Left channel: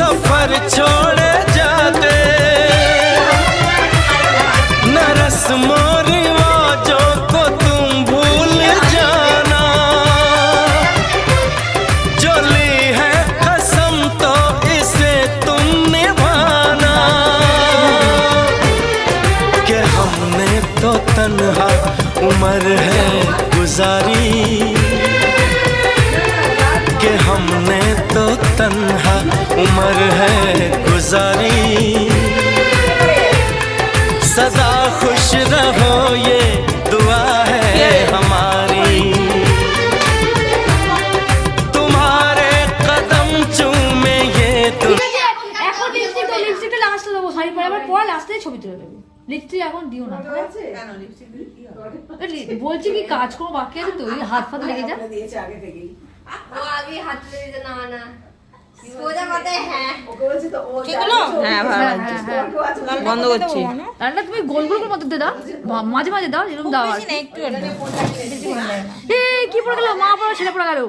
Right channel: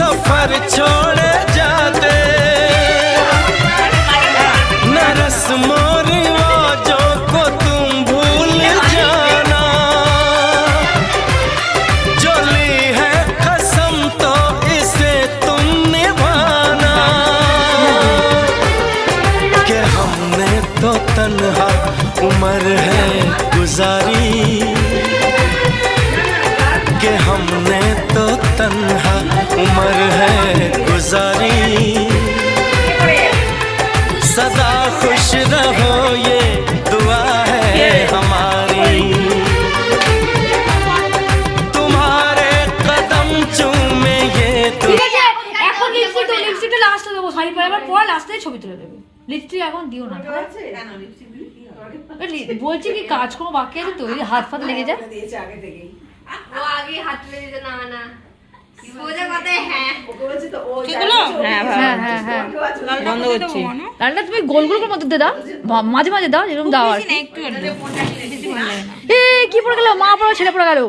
सफर छोड़े जाते, न रस्मों रिवाजों को तुम भूल जाना, जो ली है कसम तो इसे तुम निभाना, कि हमने तो तन्हा उम्र है गुजारी, कि हमने तो तन्हा उम्र है गुजारी, सदा खुश रहो ये दुआ है हमारी, तुम्हारे कदम चूमे ये লিপস্টিক এখন দিও না, বলছি কি কাজ কোনো বাকি আছে তো, হাত ফাত লেগে যা, ও আগে হাত লেগে যা, না না সোজা কথা। হ্যাঁ ওকে বলছি তো ও হ্যাঁ বন্ধ করছি। রান্না তুমি গোল গোল করে মতো দে দাও, মাঝে মাঝে দাও, এরকম দাও আর কি পড়ে গেল, মা পড়ে ছেলে পড়ে গেল,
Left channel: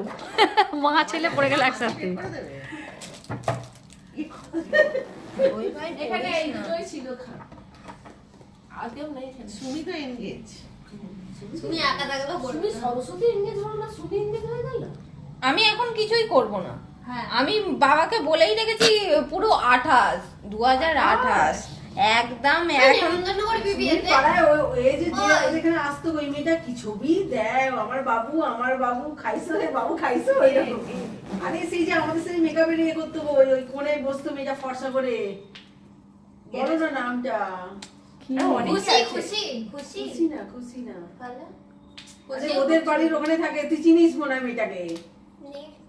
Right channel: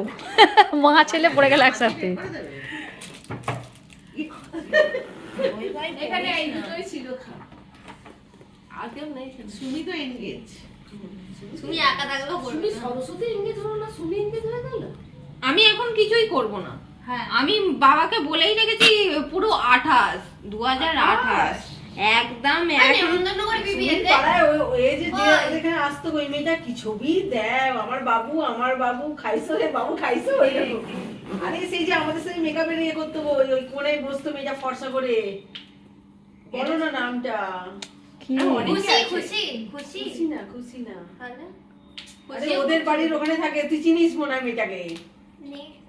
মা ছেলে পড়ে গেল একসাথে। এখানে এই দুটোই ছিল, আগেও নেই সুমি তো এনগেজ, তুমি একা থাকলেও করবে। সরস্বতী এনগেজ হলো না, সুমি এনগেজ হয়ে গেল। আমি এখন কিছুই করব না। হ্যাঁ আমি বাবাকে বলেই রেখেছি পুরো 28 2028 একদম চন্দননগর বিবিএতে এই যে এখানে আসতো ওই মেয়েটা কি ছবি দেও, আমার বাবু খাইছো রে বাবু খাইছো, এরকম। আরে সেই যে আমাদের সাথে মেকআপের ইয়ে করতো, ওই কোণে বসতো মেয়েটা ফর্সা করে, বলো না নামটা। খুশি খুশি খুশি খুশি না তাহলে আরে ওদের বাড়ির ওখানে থাকে, তুই চিনিস মনে হয় মেয়েটাকে,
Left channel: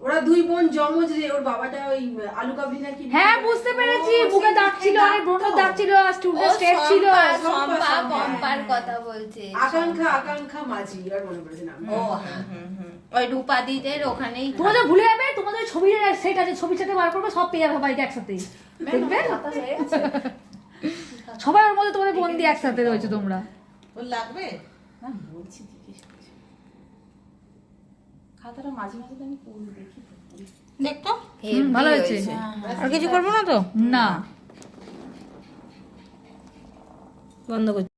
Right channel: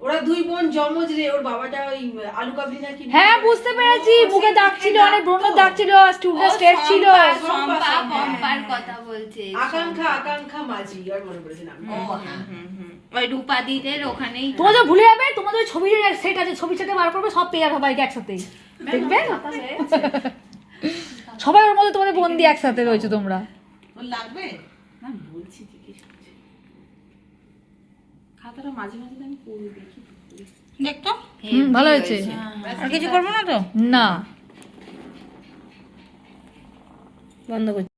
ওরা দুই বোন জমজ রে, ওর বাবাটা ওই আলু কাবলি না কি। হ্যাঁ বুঝতে পেরেছি, বুকে দাগ ছিল, অনেক ব্রণের দাগ ছিল, স্টুডেন্ট স্টেট ছিল। পম্পার কথা বলছে, আকাঙ্ক্ষা মাঝি, আর মনে পড়েছে নাম। ওই রূপাদিদের ওখানেই। তোমাদের ভুলে যাবে, তোমাদের ওই ছবির সেট আছে, ছবি সেটে বার করবে, সব পেয়ে যাবে সবাইকে একসাথে, দেখবে সবাই ওর মধ্যে তোমাদের বন্দি একসাথে রয়েছে তোমরা। ওর লাগবে না বলছি, জিজ্ঞেস করছি, খাতাটা মাঝে মাঝে আমি পড়ি দেখি, দেখতো ভালো হয়েছে, আর কিছু করবো না তো, না বন্ধ করছি।